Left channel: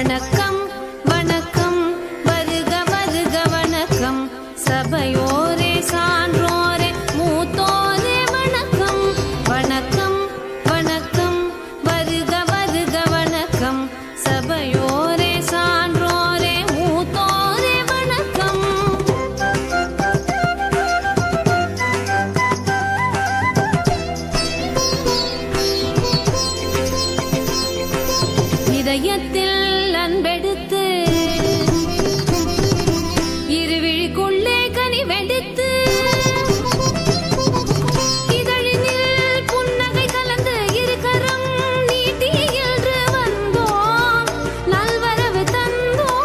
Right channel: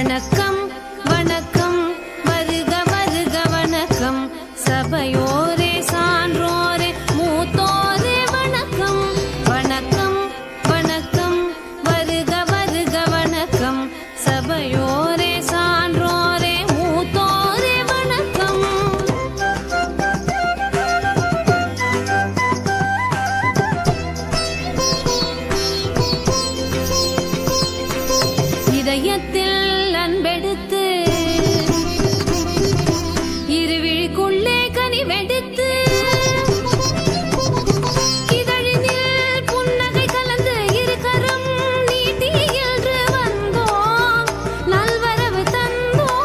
வணக்கம் வணக்கம் வருக வருக வணக்கம் சபையோரே சான்றோரே மூத்தோரே வணக்கம் வணக்கம் வணக்கம் வருக வருக வணக்கம் சபையோரே சான்றோரே மூத்தோரே வணக்கம். இதயத்தில் அன்பெடுத்து இருவிழிக்குள்ளே கனிவெடுத்து இதழினில் புன்னகை கலந்து இருக்கரம் நீட்டி என்று வந்தோம் நல்வரவு தந்தோம்.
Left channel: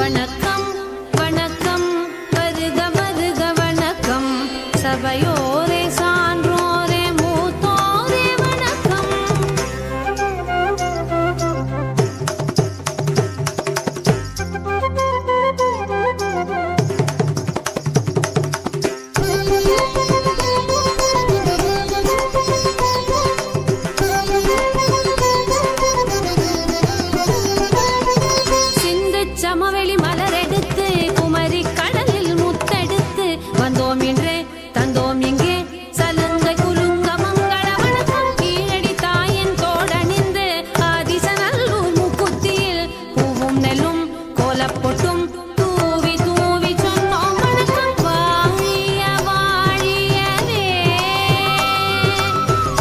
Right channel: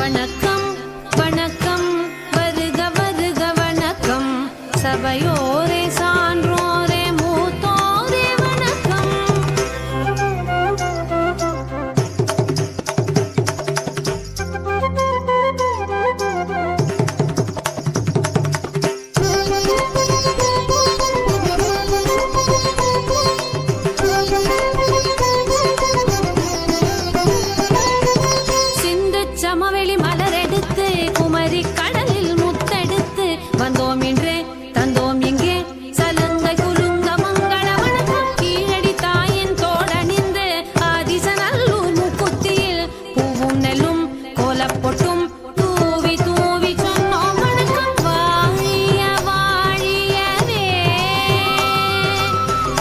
வணக்கம் வணக்கம் வருக வருக வணக்கம் சபையோரே சான்றோரே மூத்தோரே வணக்கம். சிந்து சமவெளி மலரெடுத்து குமரி கடலில் முத்தெடுத்து வந்தோம் இன்றே தந்தோம் இங்கே சலங்கை குலுங்க மங்கள வணக்கம். கீழடி தாயின் தோடணிந்து ஆதிசநல்லூர் மூக்குத்தியில் பூவும் நெல்லும் கோலப்பொட்டும் தூவி தூவி சொன்னோம் வணக்கம். வாழிய வாழியவே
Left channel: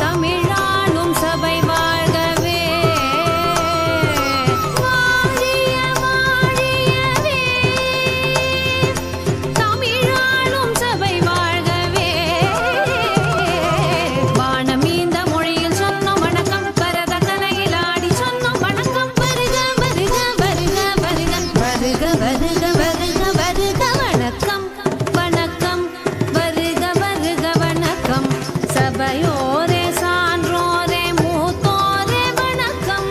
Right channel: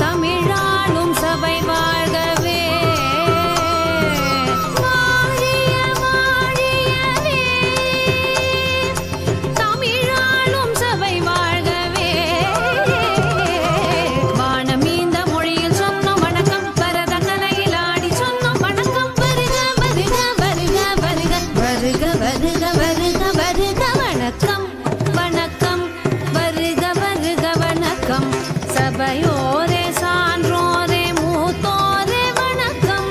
தமிழாளும் சபை வாழ்கவே வருக வருக வருக வணக்கம் வணக்கம் வருக வருக வணக்கம் சபையோரே சான்றோரே மூத்தோரே வணக்கம்.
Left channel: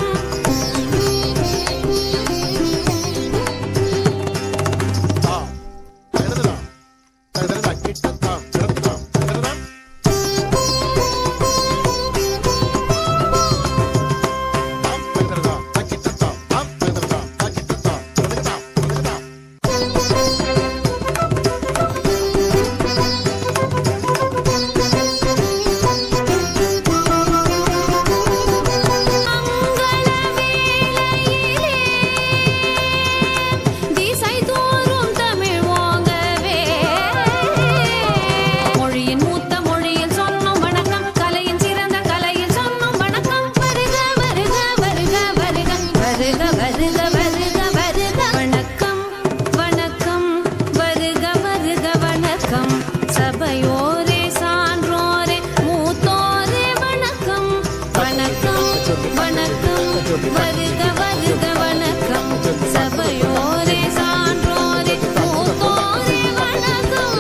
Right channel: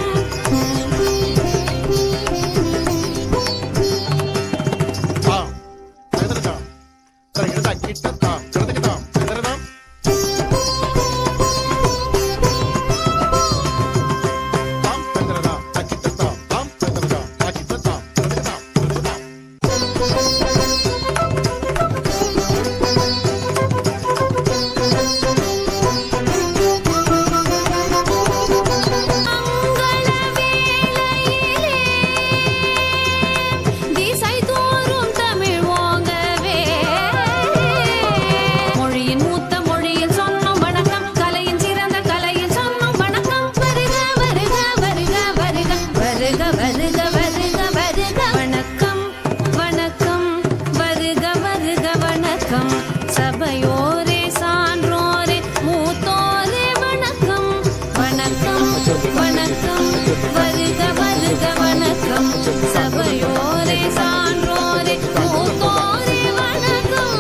வருக வருக வருக வணக்கம் வணக்கம் வருக வருக வணக்கம் சபையோரே சான்றோரே மூத்தோரே வணக்கம் வணக்கம் வணக்கம் வருக வருக வணக்கம் சபையோரே சான்றோரே மூத்தோரே வணக்கம்.